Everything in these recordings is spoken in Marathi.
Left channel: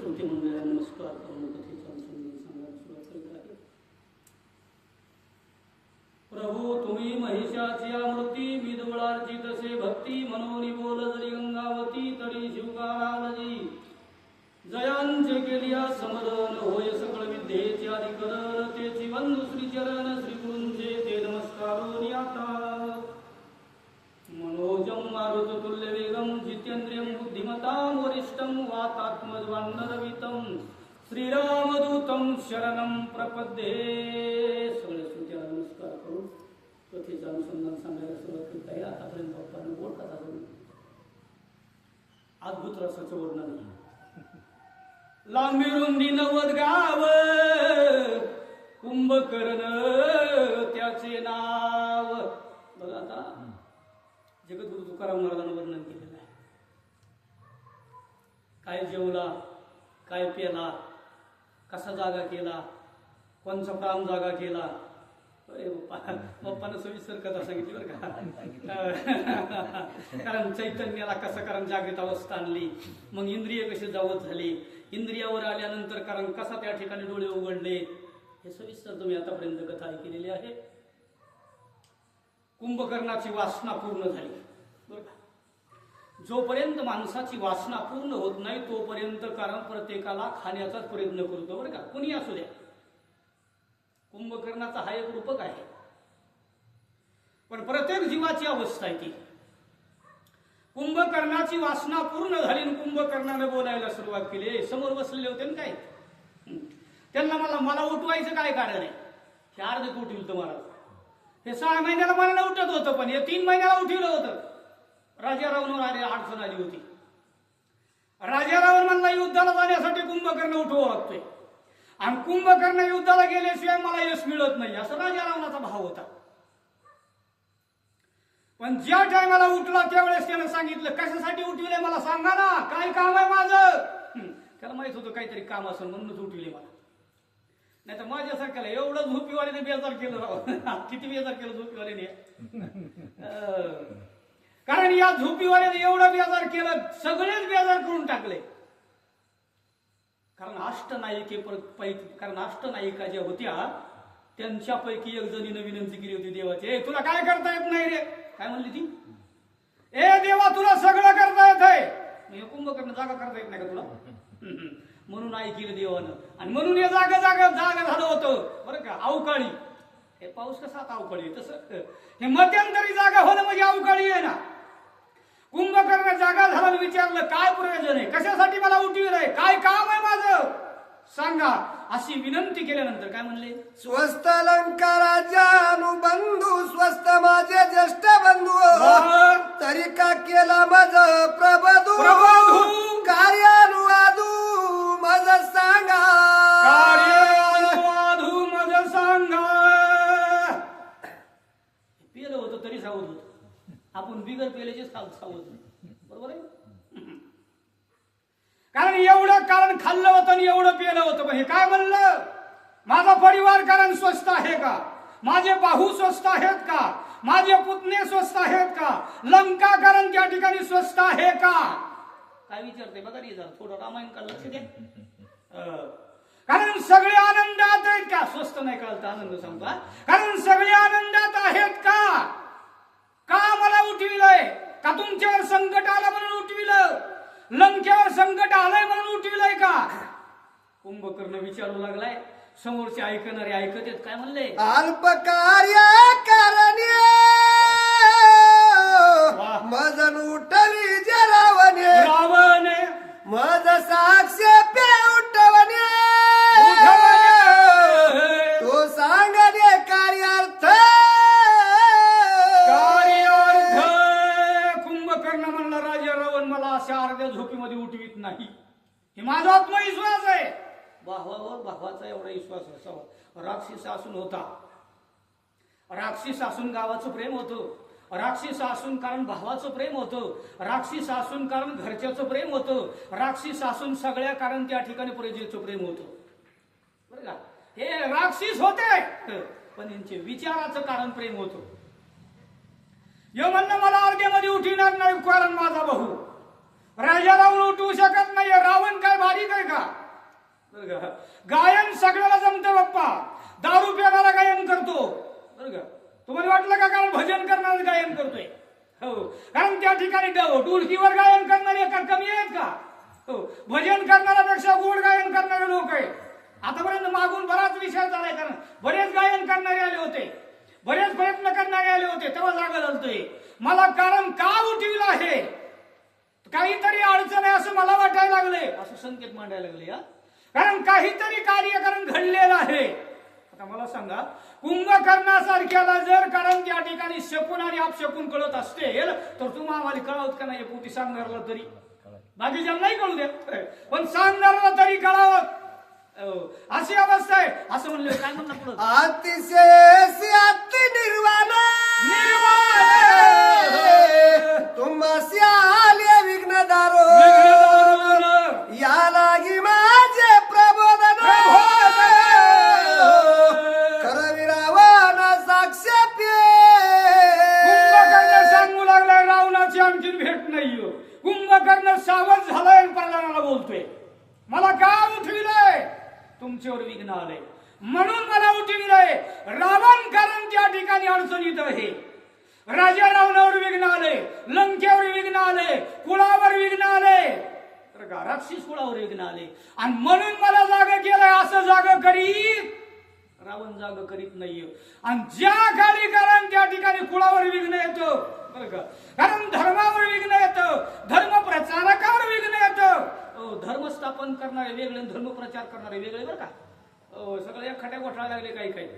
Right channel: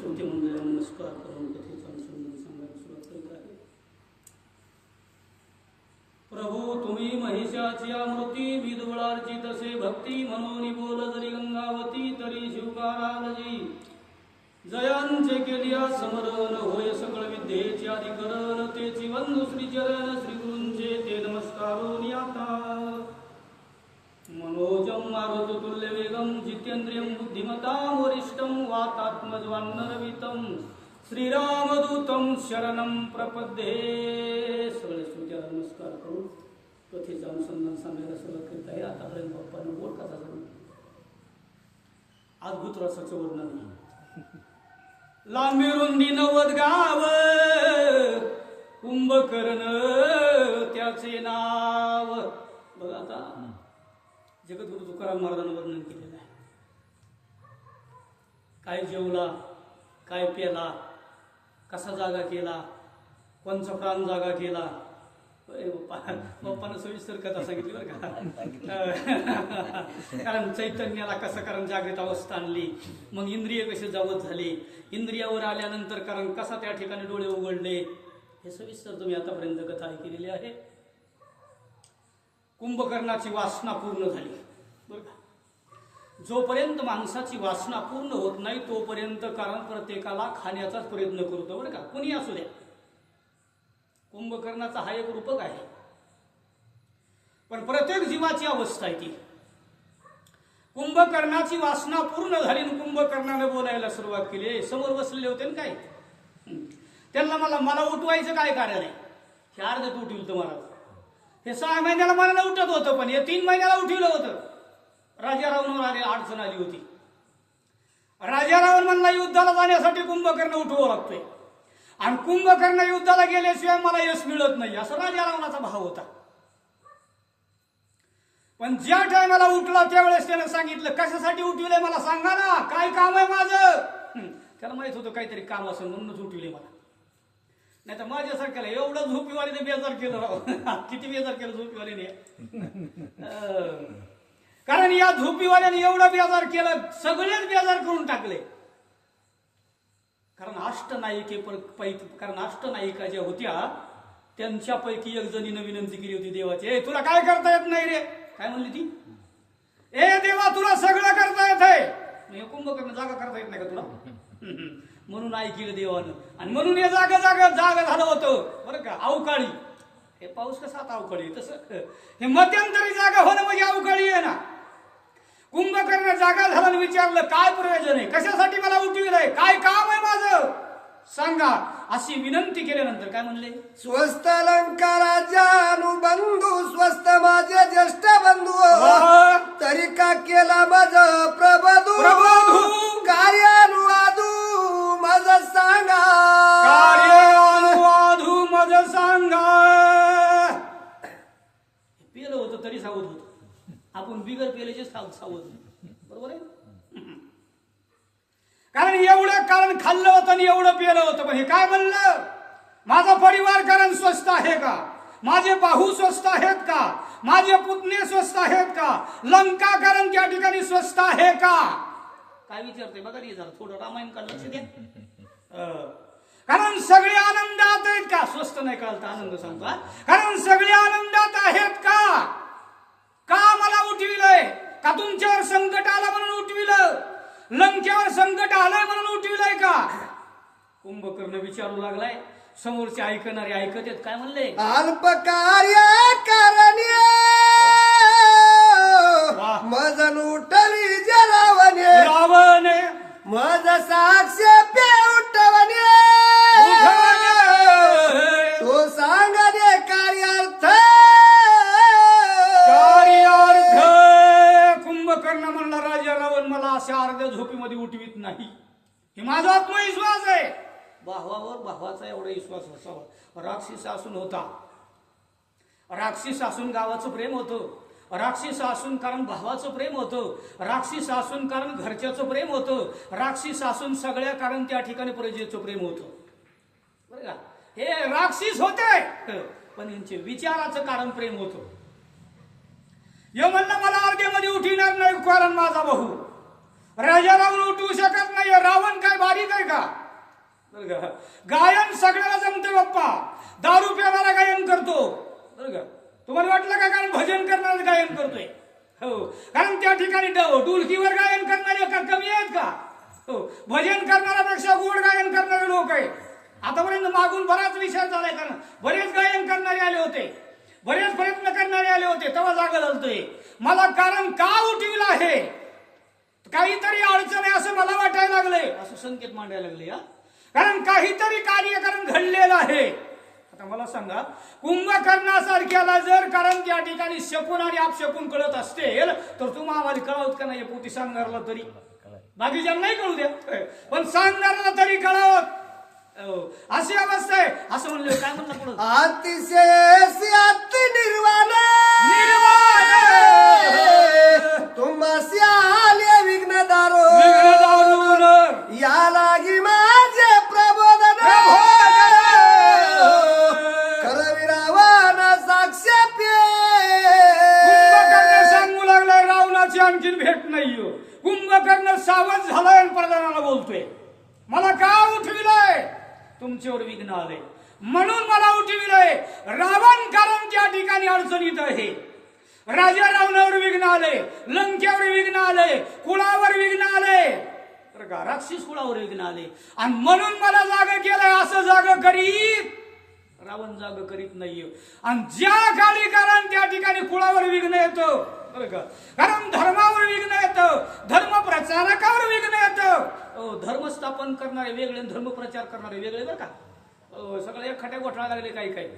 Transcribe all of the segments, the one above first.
श्रोते मंडळाला नमस्कार करून कथेचा अनुसंधान सांगायला सुरुवात करीत आहे. प्रभू तुम्ही महिषाची आमृती विदवळाची तसे भक्ती मनोनी बोल जरी गंगावती तरी शिवकारालजी जयांचे केलिया समरण होय सकळ विद्येचे अधिकरण तेची वंदू श्रीचरण श्रीगुरूंचे ते नमस्कारून आता मनोजम मारुततुल्य वेगम जितेंद्रियं बुद्धिमतां वरिष्ठं वातात्मजवान्नरवितं श्रीरामदूतं शरणं प्रपद्ये. सगळे श्रोत्याला नमस्कार करू कथेचं अनुसंधान सांगायला सुरुवात करीत आहे. आतापर्यंत बाप्पानं बोल कथा झाली अद्भुत रसाचं वर्णन. लांबी रुंदी 90 गाव कुंभकर्ण त्याचे नाव. बघा आता जगद्गुरु तुकाराम महाराजांना वर्णन केलेलं आहे. काय जेवला, काय पेला, कसा जागा केला, कोणचा प्राण जागा केला. बाप्पानं सविस्तर कथा सांगितली बरं का. कारण चैतन्याला कसं कारण जागृत अवस्था आणली, मग इंद्रिय कसे जावत झाले, इंद्रियावर आल्यानंतर कारण कसा त्या ठिकाणी डोळे उघडले, हे सविस्तर तुम्ही आतापर्यंत कथा ऐकलेली आहे. कुंभकर्णाची वासना पूर्ण झाली बरं का. जोपर्यंत माणसाची वासना पूर्ण होत नाही तोपर्यंत कारण प्रत्येकाला खाण्याचाच प्रयत्न करतो बरं का, कुणी असू द्या. कुंभकर्णाचा हा एक रूपक आहे, पण प्रत्येक जीवाची अवस्था आहे ती. कुंभकर्णाची वासना पूर्ण झाली आणि कुंभकर्णाने बोलायला सुरुवात केली. समोर बसलेले होते ना काय, त्यांना मला उठवायचं काय कारण आहे. 4 दिवस उठविल तुम्हाला, हे 6 महिन्याला मनाला उठत होतं, पण हे 3 महिन्याला उठवलं होतं. राजारावणवर आली अडचण आली होती. राजारावण म्हणला युद्धाला जाण्यासाठी कुंभकर्ण उठवावं लागतोय आणि कुंभकर्ण युद्धाला गेल्याशिवाय मला यश मिळत नाही, असं राजारावणाचा भाव होता. पण ज्या टायमाला उठला त्यावेळेस त्यानं सांगितलं कशासाठी उठविलंय मला सांगा ना, काय काम आहे माझं. त्याला माहित होतं काहीतरी काम असेल म्हणूनच उठविले मला, नाही तर माझ्यासारख्याला एवढं झोपीवालीने बेजार केलं राव. किती बेजार केलं झोपीवालीने. कारण या झोपीवाल्याने एवढं बेजार केलं, सगळेच बेजार करून टाकले. कारण अष्टनायिका ज्या होत्या त्यांच्यापैकी एक जणीनं विनंती केली होती देवाची, ए तुला काय करता येत नाही रे. काय म्हणली ती, ए देवा तुला सगळं करता येत आहे, कुंभकर्ण जागा करता येत नाही का तुला. म्हणून ऐकलं देवानं आणि म्हणून हे जागा झालं होतं बरं का. अवकाळी, हे पाऊस कसा आता अवकाळी, तसं हे मध्यंतरी जागा होणं म्हणजे अवकाळी आहे ना. कुंभकर्ण जागा झाला विचारलं काय प्रयोजन आहे, कशासाठी मला उठविलंय, काय काम आहे माझं सांगा. अशी विनंती केल्यानंतर काय म्हणले, स्वस्त लंका राज्यानुबंधू स्वस्त माझे ज्येष्ठ बंधू तरी का केला माझ प्रबधू कार्यानुवादू मज सांगा, कार्यानुवादू मज सांगा. पेलं होतं तरी सावध होत, आपण बिगर पेल्याचे सावध बरोबर आहे. कारण एवढं कारण खाल्लं होतं आणि एवढं पेलं होतं. पण हे काय म्हणलं, माझा परिवार कारण स्वस्त आहे का, माझे बाहू स्वस्त आहेत का, माझे पुतणे स्वस्त आहेत का, लंका कारण त्या ठिकाणी स्वस्त आहे का. काय विचारते बघा रे, जरा थोडं रामायण का लक्ष द्या. कारण सगळे आनंदात आहेत का, स्वस्त नाही कळत आनंद सांगता. कारण सगळे आनंदात आहेत का, का मला उठविलंय, का तुमच्यावर संकट आलं म्हणून उठविलं, लंकेवर संकट आलंय म्हणून उठविलंय का. कुंभकर्ण विचारू लागलाय, समोरचे ऐकणारे ऐकत आहेत. काय म्हणले, अल्प कार्य कारण्य मजन उठवी जे रावणे मज साक्ष पे उठवणे तो सांगणे कार्यार्थ. कुंभकर्ण म्हणला राजा रावण मला अशा अर्ध्या झोपीमध्ये उठवीत नाही, हे माझा आत्मविश्वास आहे. भावाचा एवढा विश्वास असावा. राक्षस असून होता, राक्षस असून गावाचं प्रेम होतं, राक्षस असून कारण भावाचं प्रेम होतं, राक्षस असून कारण घरच्याचं प्रेम होतं, राक्षस असून सगळ्या कारण त्या ठिकाणी प्रजेचं प्रेम होतं बरं का. हे राक्षस होते पण यांचे विचाराचं कारण प्रेम होतं. म्हणलं मला अर्ध्यामध्ये उठविणार नाही कारण माझा भाऊ, राजा रावण उठवू शकत नाहीये. रावण काय बारीक आहे का? बरं का? गायन सगळ्याला जमते बाप्पा. दारू पिणारा गायन करतो. बरं का? तुम्हाला वाटलं का कारण भजन करणारा गायन करतोय? हो, कारण त्या ठिकाणी ढोलकीवर गायन करणारे का कमी आहेत का? हो, भजन करणाऱ्यापेक्षा गोड गायन करणारे लोक आहेत. आतापर्यंत मागून बराच विचार झालाय, कारण बरेच गायन करणारे आले होते, बरेच प्रयत्न करणारे आले होते, तेव्हा जागा झालतोय. मला कारण का उठविलं आहे, काहीतरी अडचण आहे असं मला वाटायला लागले, असं संकेत मांडायला लागले. कारण काहीतरी कार्यक्रम घडलेला आहे. आता मला सांगा, कुंभकर्णासारख्याला जर कारण त्या ठिकाणी शकून आणि अपशकून कळत असतील तर तुम्ही आम्हाला कळवत का नाही? पोटी सांगणारला तरी, बाकीच्या नाही कळू द्या, पण सांगणारला तरी कळावत. अशी अवस्था आहे. असं म्हणले काय म्हणलं पुढे? अतिशय अति निर्वाण तुम्हासी आले विघ्नदारो या लागी माझे प्रबोधन करविरावण साक्ष कुंभकर्ण सांगू लागलाय रावणाची आणखीन भेट नाही. कुंभकर्ण सावध झालाय आणि प्रधानाला बोलतोय, मला का उठविलंय? तुमच्यावर विघ्न आले म्हणून मला उठविलंय. रावण कारण त्या ठिकाणी अडचणीत आहे. राजा रावणावर विघ्न आले, लंकेवर विघ्न आले, कुळावर विघ्न आले, तर का राक्षस कुळावर विघ्न आले, आणि म्हणून मला जाग केलंय. असं जाग करीत रावण जाग करीत नाहीये. आणि ज्या खाली कारण त्या ठिकाणी कुळावर विघ्न येतं, बरं का, कारण धर्मावर विघ्न येतं, धर्म प्रचारकावर विघ्न येतं. धर्म स्थापन करणारे वेगळे, धर्म प्रचार करणारे वेगळे, बरं का. सगळे खट्या गोठा लागले काही काही,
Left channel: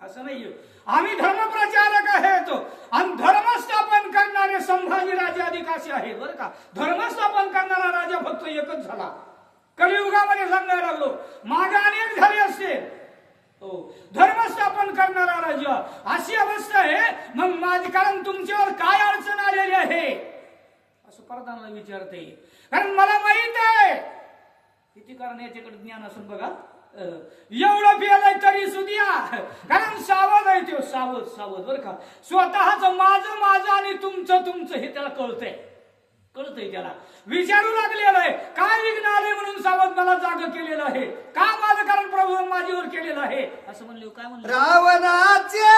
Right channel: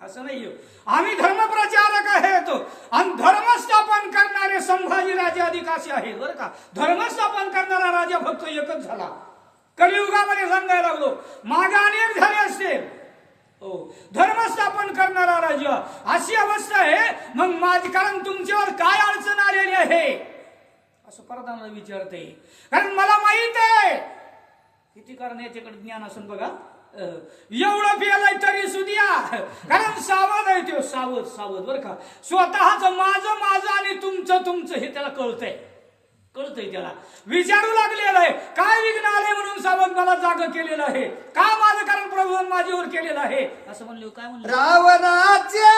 असं नाही. आम्ही धर्म प्रचारक आहेत आणि धर्म स्थापन करणारे संभाजी राजे अधिक असे आहेत, बरं का. धर्म स्थापन करणारा राजा फक्त एकच झाला. कलियुगामध्ये सांगायला लागलो, मागे अनेक झाले असते. धर्म स्थापन करणारा राजा, अशी अवस्था आहे. मग माझी कारण तुमच्यावर काय अडचण आलेली आहे असं प्रधानाला विचारते. कारण मला माहित आहे किती कारण याच्याकडे ज्ञान असेल बघा. एवढं पियालाय तरी सुद्या, कारण सावध आहे तो, सावध सावध, बरं का. स्वतःच माझं माझं आणि तुमचं तुमचं हे त्याला कळतंय, कळतंय त्याला. विचारू लागलेलं आहे काय विघ्न आले म्हणून सावध मला जाग केलेलं आहे, का माझं कारण प्रभू माझ्यावर केलेलं आहे असं म्हणले. काय म्हणलं? रावणाचे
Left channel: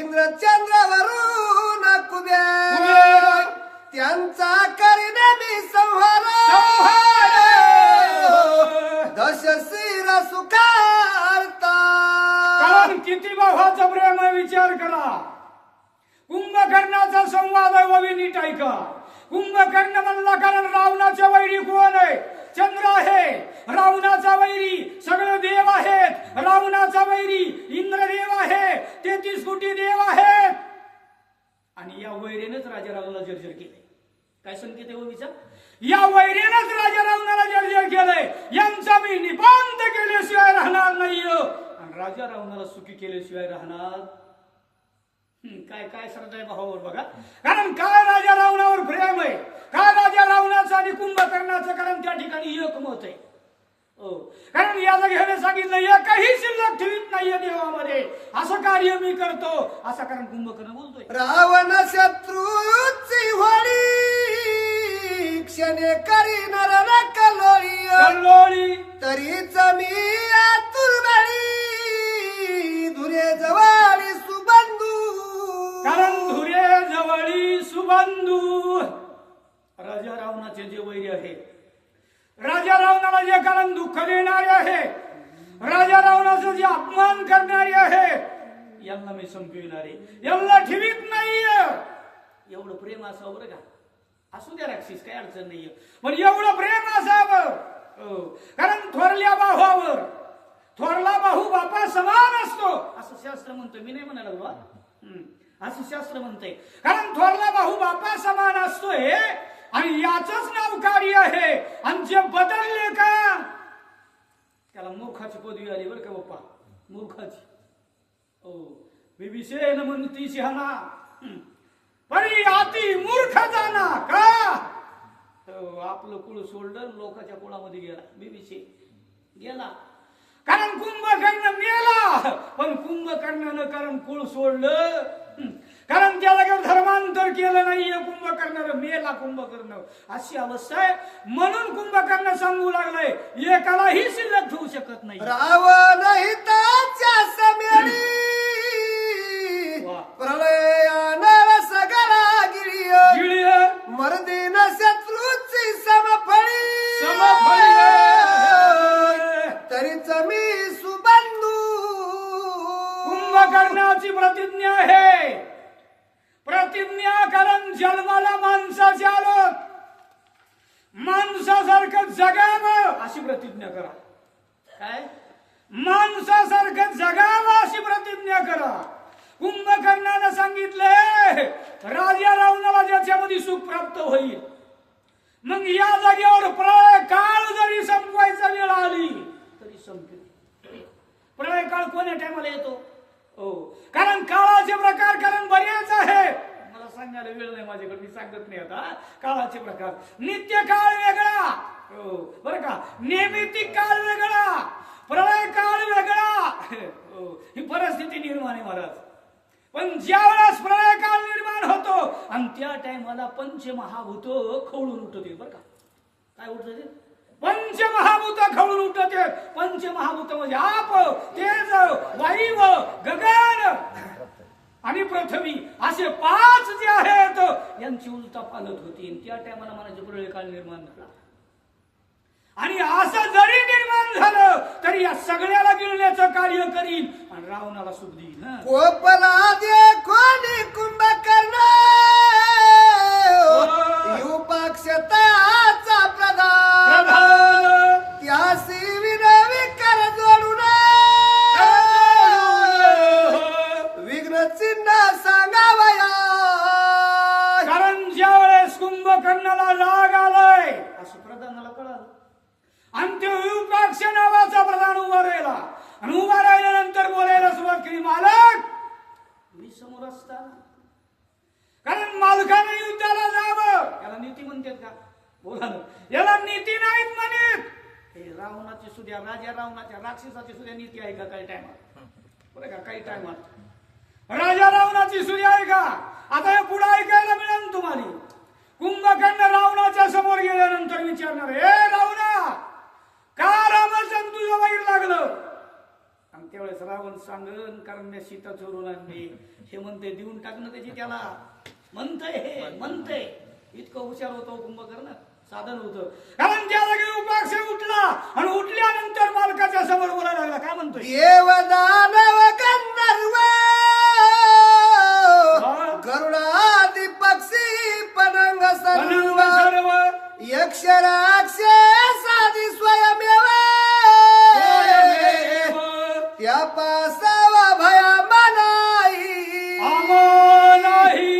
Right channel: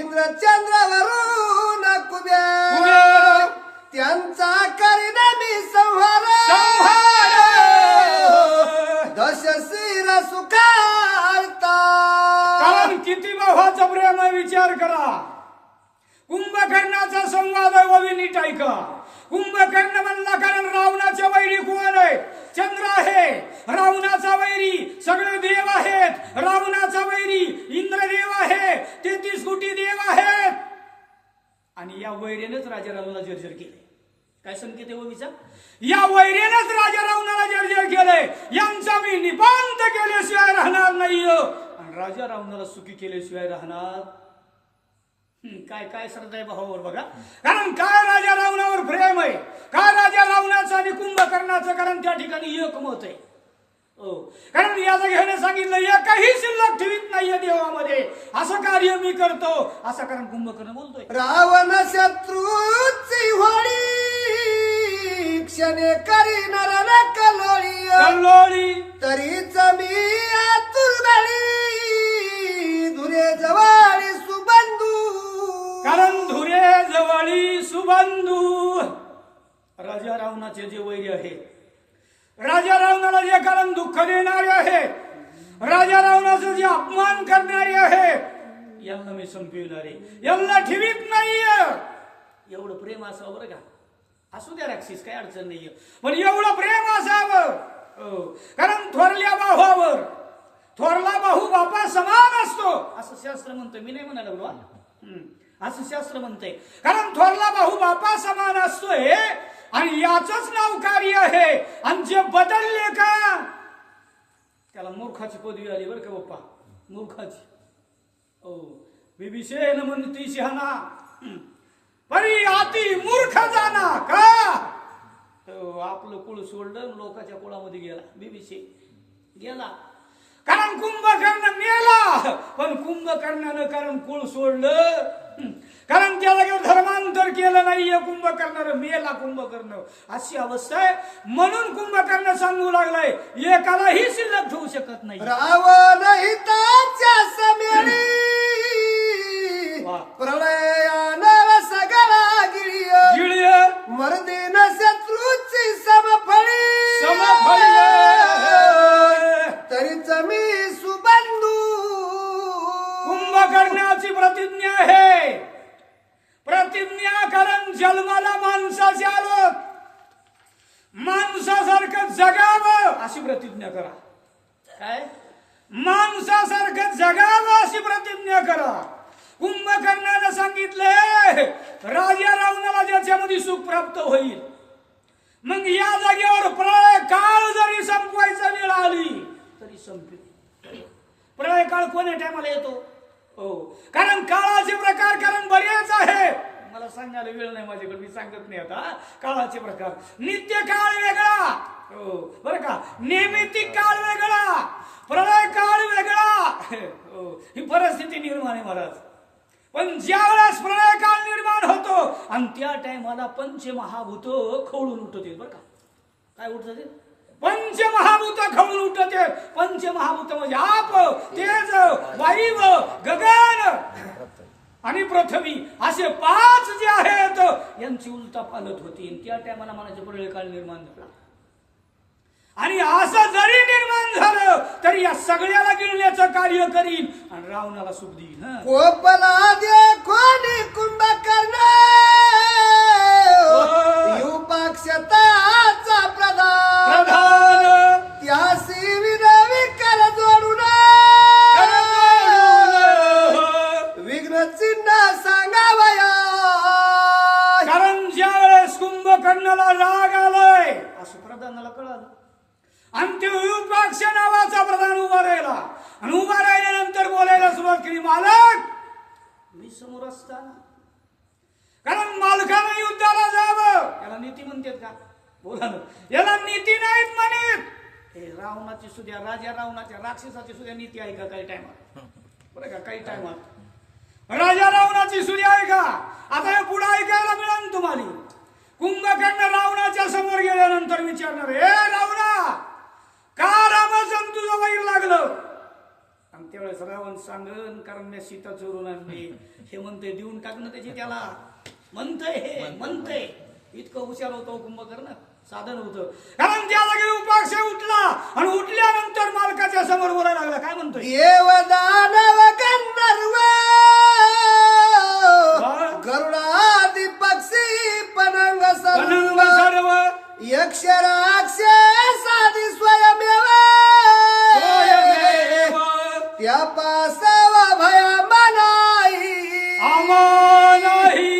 इंद्रचंद्रावरून कुबेर त्यांचा करीन मी संहार दशशिर सुखार्ता. कारण किती भावाचा प्रेम आहे विचार करा. कुंभकर्णाचा संवाद आहे, ववी नीट ऐका. कुंभकर्ण म्हणला कारण रावणाच्या वैरी कोण आहे? चंद्र आहे. रावणाचा वैरी सगळे देव आहेत. रावणाचा वैरी इंद्रदेव आहे, 33 कोटी देव आहेत. आणि या वैरीनेच राजा रावणाला जर्जर केले. काय संकेत आहे ओवीचा? या वैरीनेच राजा रावणाला जर्जर केलंय. यांचा मी निपांत केल्याशिवाय राहणार नाही आणि राजा रावणाला सुखी केल्याशिवाय राहणार. काय काय श्रद्धा आहे भावावर बघा. कारण काय राजा रावणावर प्रेम आहे, काय राजा रावणाचं आणि कुंभकर्णाचं कारण त्या ठिकाणी एक मत आहे. कारण याचं घेणं सांगितलं, एकही शिल्लक ठेवीत नाहीये देवामध्ये, असं कार्य मी करतो असं कारण कुंभकर्ण बोलतोय. रावण शत्रूची होळी क्षणे करी नरन कलोळी कल्लोळी तरीच मी आतुरवाडी धुरे जवाळी सुबंधू. कारण धुरे जवळी सुबंधू. राजा रावणाचे जे वैरी आहे, राजा रावणाला जे कारण दुःख देणारे आहे, राजा रावणाचा जे अपमान करणारे आहे, यांना मी संपविणारे, यांना ठेवीत नाहीये. एवढं प्रेम असावं बरं का. असू द्या राक्षस, काय अडचण नाहीये, पण एवढं प्रेम असावं. कारण थोरल्या भावावर थोरला भाऊ बापा समान असतो असं शास्त्र म्हणतोय. मी नाही म्हणायला लागलो, असं शास्त्र म्हणतंय. कारण थोरला भाऊ बापा समान असतोय आणि याचंच नाव कार्य आहे. आणि जे बदलले का त्याला मूर्खाची पदवी आली बरं का बाप्पा, मूर्खाची. बिबिसेन म्हणती शहाणा परी अति मूर्ख जाना का. आपलं कुळ सोडलं, लोकांच्या कुळामध्ये गेला, बिबिसे गेला. कारण कुंभकर्ण मेला, पण कुंभकर्णानं कारण कुळ सोडलं. कारण त्या जागेवर धर्मांतर केलं नाहीये कुंभकर्ण, मेला कुंभकर्ण, अशी अवस्था आहे. म्हणून कुंभकर्ण सांगू लागलाय एकालाही शिल्लक ठेवू शकत नाही. रावण हिताच्या समेळी वा. प्रलयानं सगळा गिळिय गिळिय मर्दीन शत्रूची समफळी तरीच मी सुबंधू. कुंभकर्णाची प्रतिज्ञा आहे. प्रतिज्ञा कारण जन्माला माणसाचे आलो, माणसासारखं जगावं अशी प्रतिज्ञा करा. काय? माणसासारखं जगावं अशी प्रतिज्ञा करा. कुंभकर्णानं सांगितलंय राजा रावणाला ज्याच्यामध्ये सुख प्राप्त होईल. मग या जागेवर प्रळय काळ जरी संपवायचा वेळ आली तरी संपेल. प्रळय काळ कोण्या टायमाला येतो? हो, कारण काळाचे प्रकार कारण बरेच आहे. मला सांगायला वेळ नाही माझ्याकडे, मी सांगत नाही आता. काळाचे प्रकार, नित्य काळ वेगळा, हो बरं का, नैमित्तिक काळ वेगळा, प्रलय काळ वेगळा. हो, ही परिस्थिती निर्माण आहे महाराज. पण ज्या वेळेस प्रलय काळ निर्माण होतो आणि त्या टायमाला पंचमहाभूत खवळून उठते. बरं का, काय उठत ते? पंचमहाभूत खवळून उठते. पंचमहाभूत म्हणजे आप, तेज, वायू, गगन आणि पृथ्वी असे 5 जे आहेत यांची उलटा पालत होती. त्या टायमाला मनाचे प्रलय काळ निर्माण झाला. आणि असं जरी निर्माण झालं तरी या सगळ्याला गिळण्याचं कार्य करील आणि रावणाला सुख देईल. कोपला दे कोणी कुंभकर्ण युपाक्षताचा प्रधान त्यासी विनवी कर जोडून विघ्न चिन्ह सांगावया. कारण ज्या वेळेस कुंभकर्णाला राग आलाय असं प्रधानाला कळालं आणि ते युपाक्ष नावाचा प्रधान उभा राहिला आणि उभा राहिल्यानंतर बोलायला सुरुवात केली, मालक मी समोर असताना. कारण मालकाने युद्धाला जावं याला नीती म्हणतात का? बोला ना, याला नीती नाहीत म्हणत. हे रावणाची सुद्धा, राजा रावणाच्या, राक्षसाची सुद्धा नीती आहे का काही टायमात? बरं का, काही टायमात राजा रावणाची सुद्धा आहे का? आता हे पुढे ऐकायला मिळेल तुम्हाला. कुंभकर्ण रावणाच्या समोर गेल्यानंतर विचारणार, हे रावणा का रामाचं तुझं वाईट लागलं? आणि त्यावेळेस रावण सांगन कारण मी सीता चोरून आणली. हे म्हणते देऊन टाकणं त्याची, त्याला म्हणतंय, हे म्हणतंय. इतकं हुशार होतो कुंभकर्ण, साधन होतं. कारण त्या जागी उपाक्ष उठला आणि उठल्यानंतर मालकाच्या समोर बोलायला लागला. काय म्हणतोय? देव दानव गंधर्व गरुडादी पक्षी पनंग सर्व यक्ष राक्षस आदी स्वयमेव त्या पासावा भया मनाई आमानाही.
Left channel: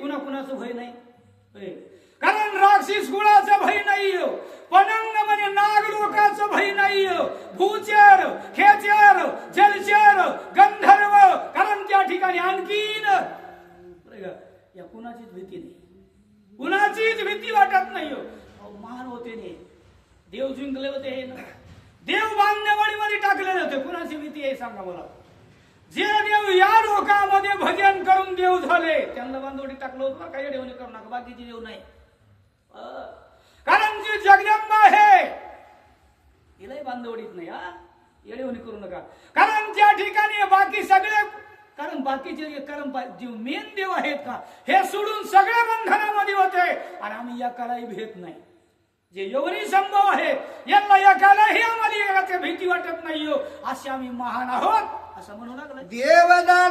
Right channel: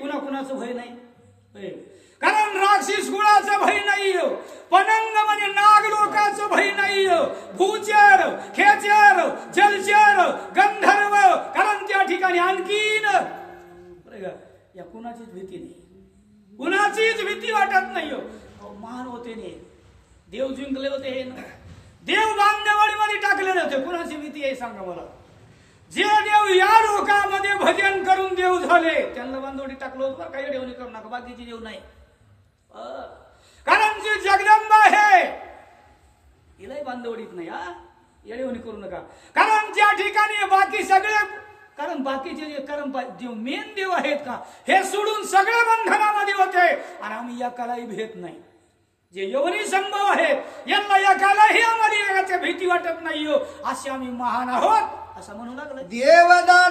कुणा कुणाचं भय नाही. कारण राक्षस कुणाचं भय नाही. पनंग म्हणजे नाग लोकांचं भय नाही. भूचर, खेचर, जलचर, गंधर्व, कारण त्या ठिकाणी आणखीन या कुणाचीच भीती नाही, कुणाचीच भीती वाटत नाही. महान होते ने, देव जिंकले होते, हे ना देव बांधवाडीमध्ये टाकलेले होते. कुणाची भीती आहे सांगा मला? जे देव या लोकांमध्ये भजन करून देव झाले त्यांना बांधवडी टाकलं होतं. काही देवणी करू नका, बाकीची देव नाही. कारण जी जगदंबा आहे हिलाही बांधवडीत नाही. येडेवणी करू नका. कारण ज्या ठिकाणी बाकी सगळे, कारण बाकीचे जे कर्म देव मेन देव आहेत का हे सोडून सगळ्या बंधनामध्ये होते आणि आम्ही एकालाही भेट नाही. जे योनी संभव आहेत यांना एकालाही आम्हाला भीती वाटत नाही. असे आम्ही महान आहोत असं म्हणू लागलं. देवदान